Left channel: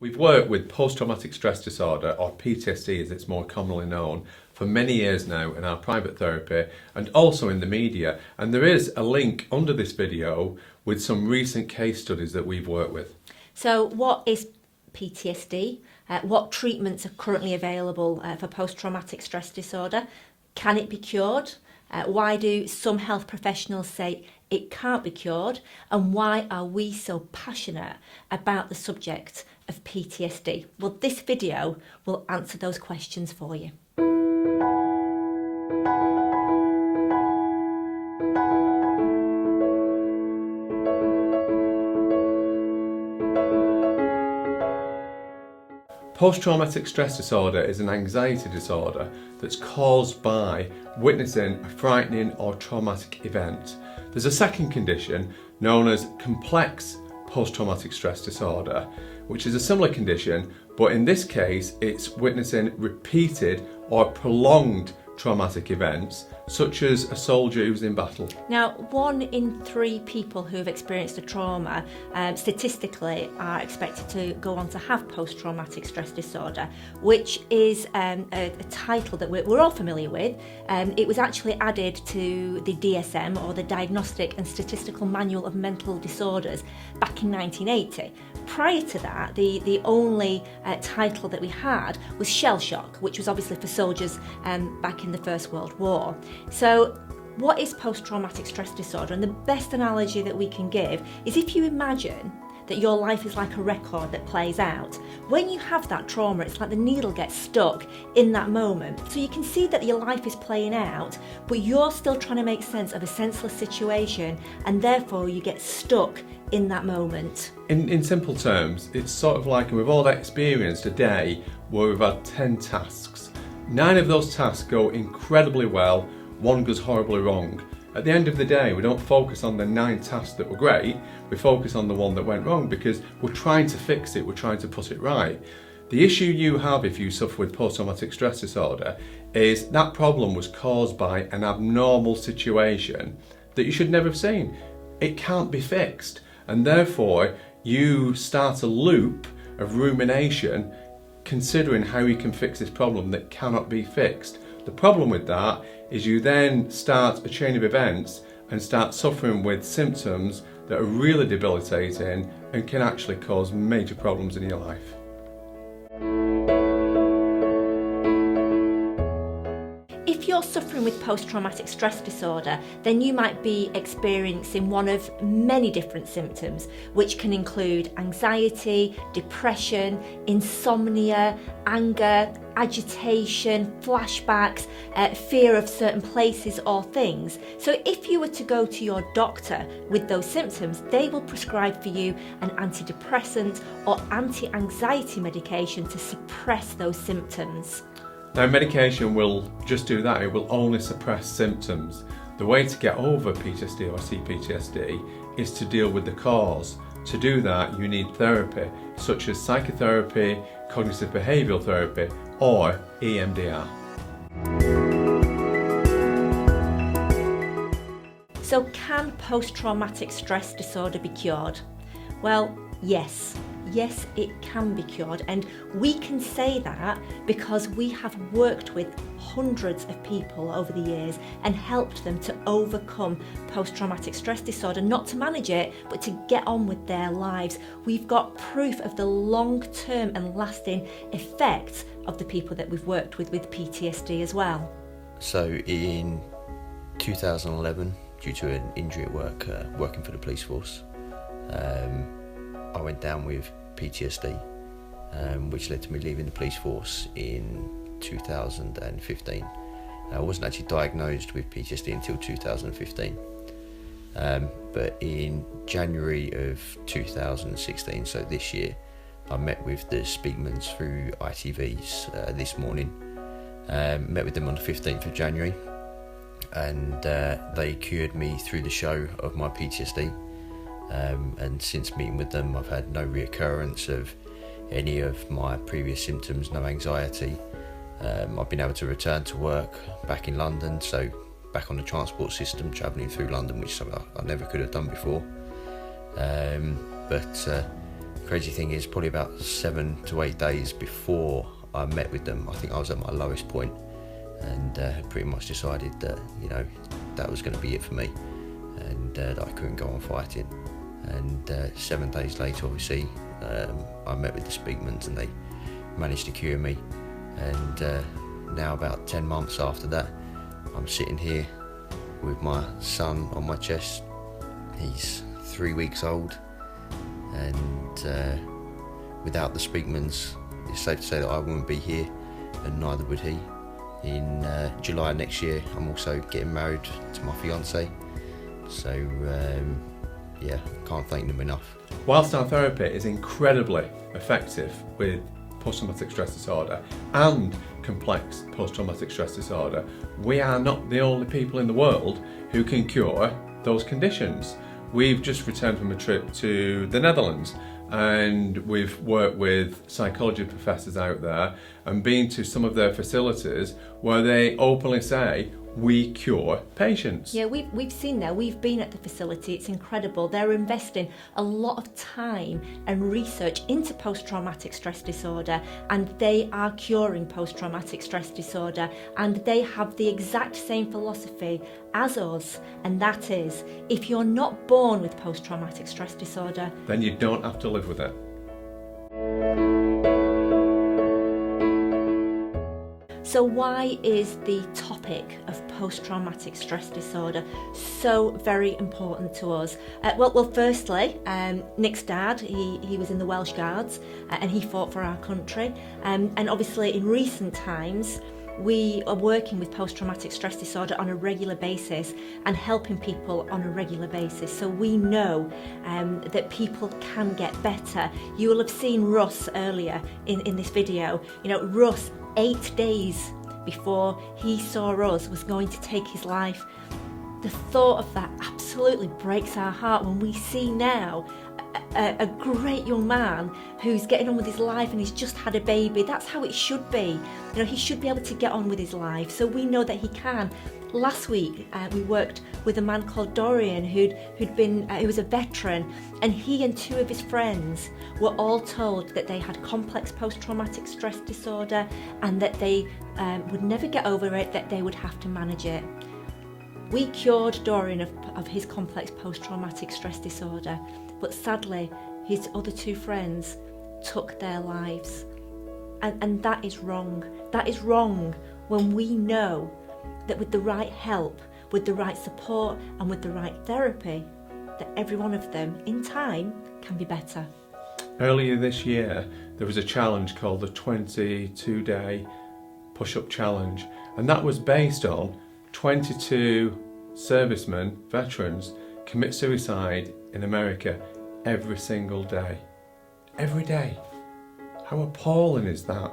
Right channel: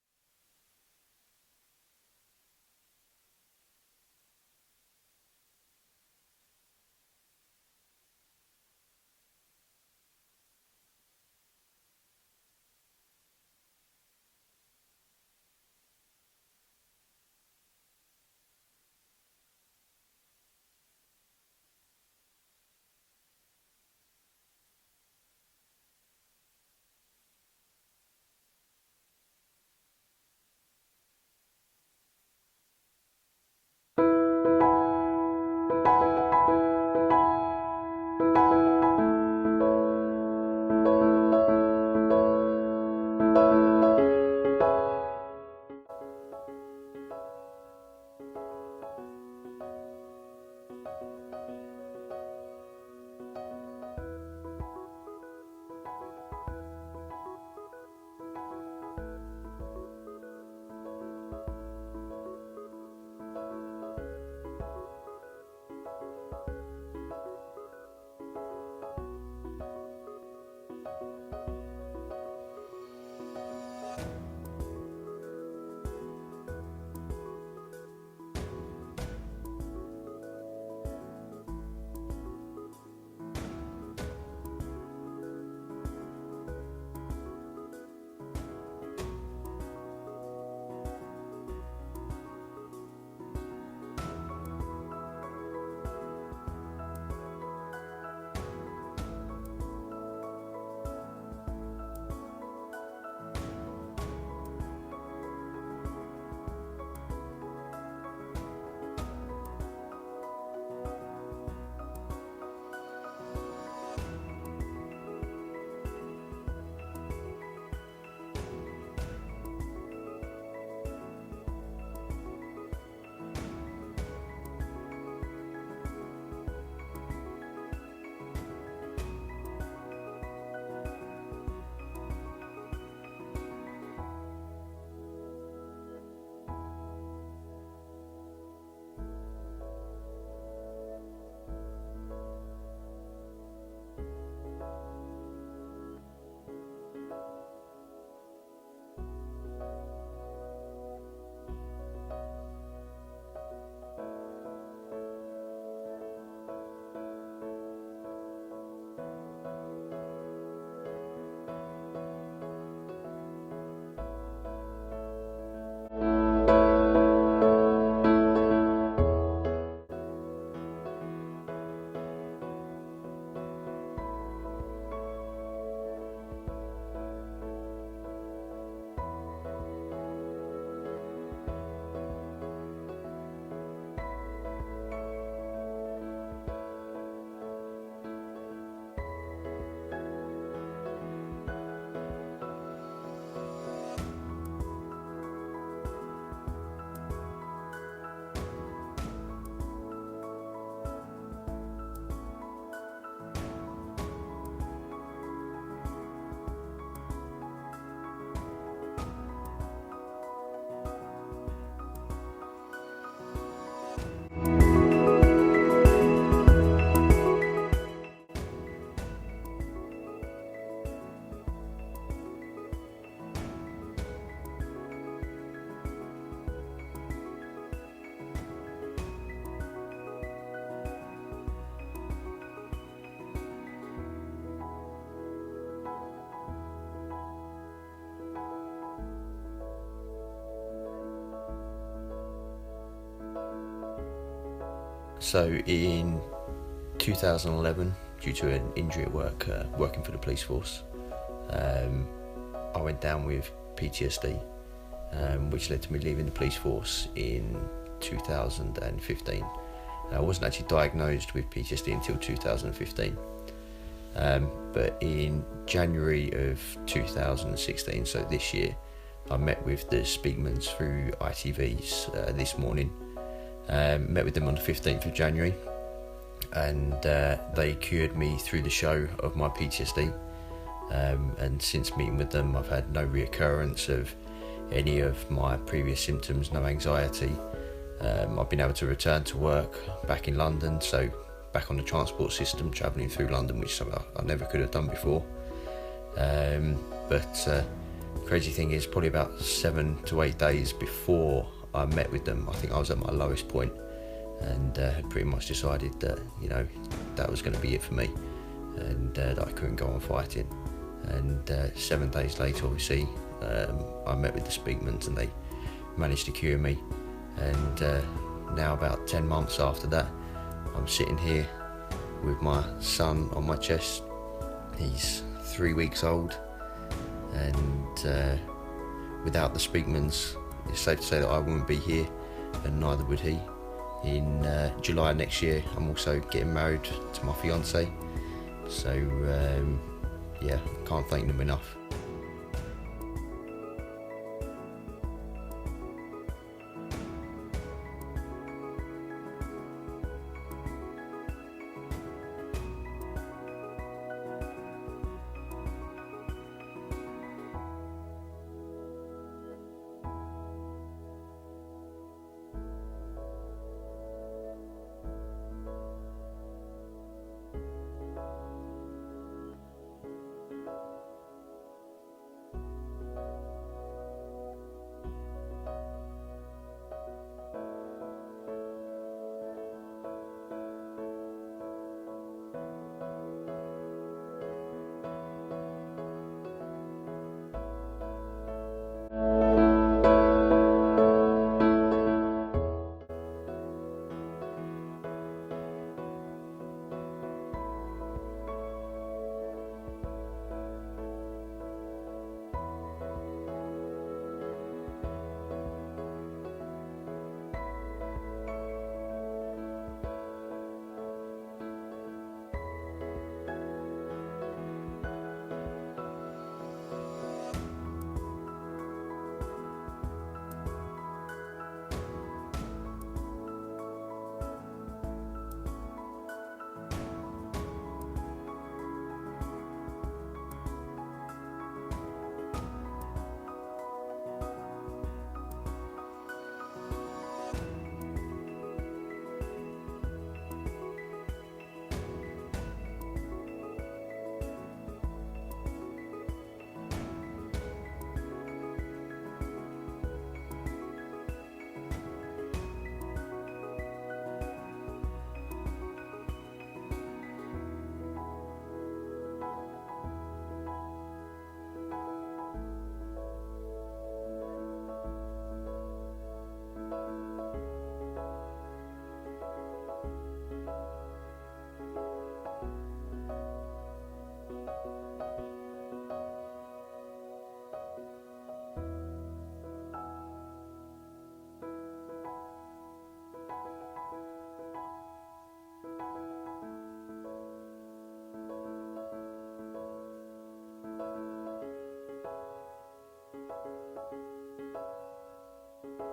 We've worked with post-traumatic stress disorder, or PTSD as it's more commonly known, for many years now in our private therapy and also in the media. And there is a link under this video with some recent case studies that we've worked with. So what is PTSD? What treatments are currently available for post-traumatic stress disorder? Can it be cured? Why do some health professionals say it can't be cured? And why are we so passionate about the subject of PTSD? Well, this video will answer those questions for you. Post-traumatic stress disorder is an anxiety disorder that's caused by witnessing a frightening or traumatic event. There's a second condition known as complex post-traumatic stress disorder, which is a similar condition, but in this case it's witnessing repeated or prolonged traumatic events, such as a soldier who's in battle. Now, 1 in 3 people who have experienced a trauma statistically are expected to go on to have post-traumatic stress disorder, which is a title that we're all familiar with. It was actually added to the DSM, or the Diagnostic and Statistical Manual of Mental Disorders, back in 1980. Prior to that, the only title that we had was shell shock, which was obviously for soldiers back in the First World War. So what is post-traumatic stress disorder? And the best analogy that we can give is if you imagine that your life is like a record that plays out. When you have that trauma, it's like the needle gets stuck in that moment. So you can see that your life is playing out, but you're still trying to make sense of a senseless situation, and therefore you get stuck in that moment. In simple terms, it's sort of like we've all experienced a day where we've had 10 tasks. 9 of those tasks go incredibly well, 1 goes horribly wrong. At the end of the day, we don't focus on the 9 tasks that were great, we focus on the one that went wrong because we're trying to fix it, we're trying to put it right. The issue you have if you suffer with post-traumatic stress disorder is that problem was caused by an abnormal situation that you should never have seen. It can't be fixed, and therefore you start a loop of rumination considering how you can fix this problem that cannot be fixed. The problem with that is you then start a chain of events and start suffering with symptoms that are really debilitating and can actually cause major problems in your life. If you're suffering with post-traumatic stress disorder, then you might be experiencing one of many different symptoms, which can include anxiety, depression, insomnia, anger, agitation, flashbacks, fear of certain places or things. So if you were to go to your doctor with those symptoms, they will prescribe for you an antidepressant or anti-anxiety medication to suppress those symptoms. Now, medication will just do that, it will only suppress symptoms. The way to get over PTSD or CPTSD is to deal with the cause. To do that, you need therapy, such as psychotherapy, cognitive behavioural therapy, or EMDR. So can post-traumatic stress disorder be cured? Well, yes. Yes, it can be cured, and we can say that because we have worked with hundreds of people over the years and helped them to overcome post-traumatic stress disorder, not to manage it, but to get on with their lives. We've got proof of the long-term and lasting effects of the people that we've worked with PTSD as well. So in 2011, due to an injury at work, working for the police force, I went down with PTSD, which led to me leaving the police force in 2015. I wasn't actually diagnosed with PTSD until 2015, but in January of 2016, so this year, I met with the Speakmans through ITV's this morning. Met with them on the 15th of January, and they cured me through the show of my PTSD. And since meeting with them, I've had no reoccurrence of any of my previous symptoms, no anxiety. I've been able to return to work back in London, so back on the transport system, travelling through London, which is something I never could have done before. But crazy thing is, probably about 7 to 8 days before I met with them, I think I was at my lowest point, and had pretty much decided that, you know, that was going to be it for me, and that I couldn't go on fighting. And 7 days later, obviously, I met with the Speakmans, and they managed to cure me. And now, about 10 months after that, I'm sitting here with my son on my chest. He's 3 weeks old, and without the Speakmans, it's safe to say that I wouldn't be here, and neither would he. In July next year, I'm also getting married to my fiance, so yeah, can't thank them enough. Whilst our therapy is incredibly effective with post-traumatic stress disorder and complex post-traumatic stress disorder, we are not the only people in the world who can cure those conditions. We've just returned from a trip to the Netherlands, and we've worked with psychology professors out there and been to some of their facilities where they openly say, we cure patients. Yeah, we've seen that. We've been at the facility. It's incredible. They're investing a lot of time and research into post-traumatic stress disorder, and they are curing post-traumatic stress disorder, and they have the exact same philosophy as us, and that is, if you're not born with post-traumatic stress disorder, then you don't have to live with it. So why is the topic of post-traumatic stress disorder so very important to us? Well, firstly, Nick's dad, he was in the Welsh Guards, and he fought for our country. And obviously in recent times, we are working with post-traumatic stress disorder on a regular basis and helping people on a regular basis. So we know that people can get better. You will have seen Russ earlier in this video. You know, Russ, 8 days before he saw us, was going to take his life. The thought of that absolutely breaks our heart when we see now a great young man who's getting on with his life, and he's just had a baby. That's how it should be. You know, he should be able to get on with his life. So we know that he can. Last week, we worked with a man called Dorian who was a veteran, and he and 2 of his friends were all told that they had complex post-traumatic stress disorder, and that they would never get over it, that they would have to manage it. We cured Dorian of his complex post-traumatic stress disorder, but sadly, his other 2 friends took their lives. And that is wrong. That is wrong when we know that with the right help, with the right support, and with the right therapy, that every one of them, in time, can be better. Earlier this year, there was a challenge called the 22-day push-up challenge, and that was based on 22 servicemen, veterans, commit suicide in America every single day. Every day. How appalling is that?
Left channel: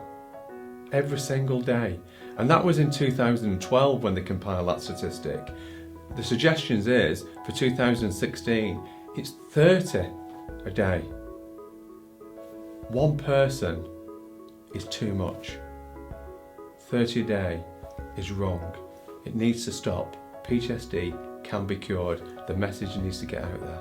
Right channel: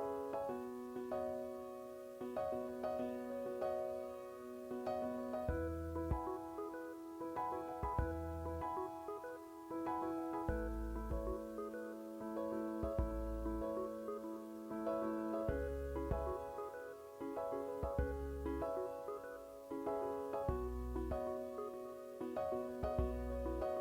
Every single day. And that was in 2012 when they compiled that statistic. The suggestions is, for 2016, it's 30 a day. One person is too much. 30 a day is wrong. It needs to stop. PTSD can be cured. The message needs to get out there.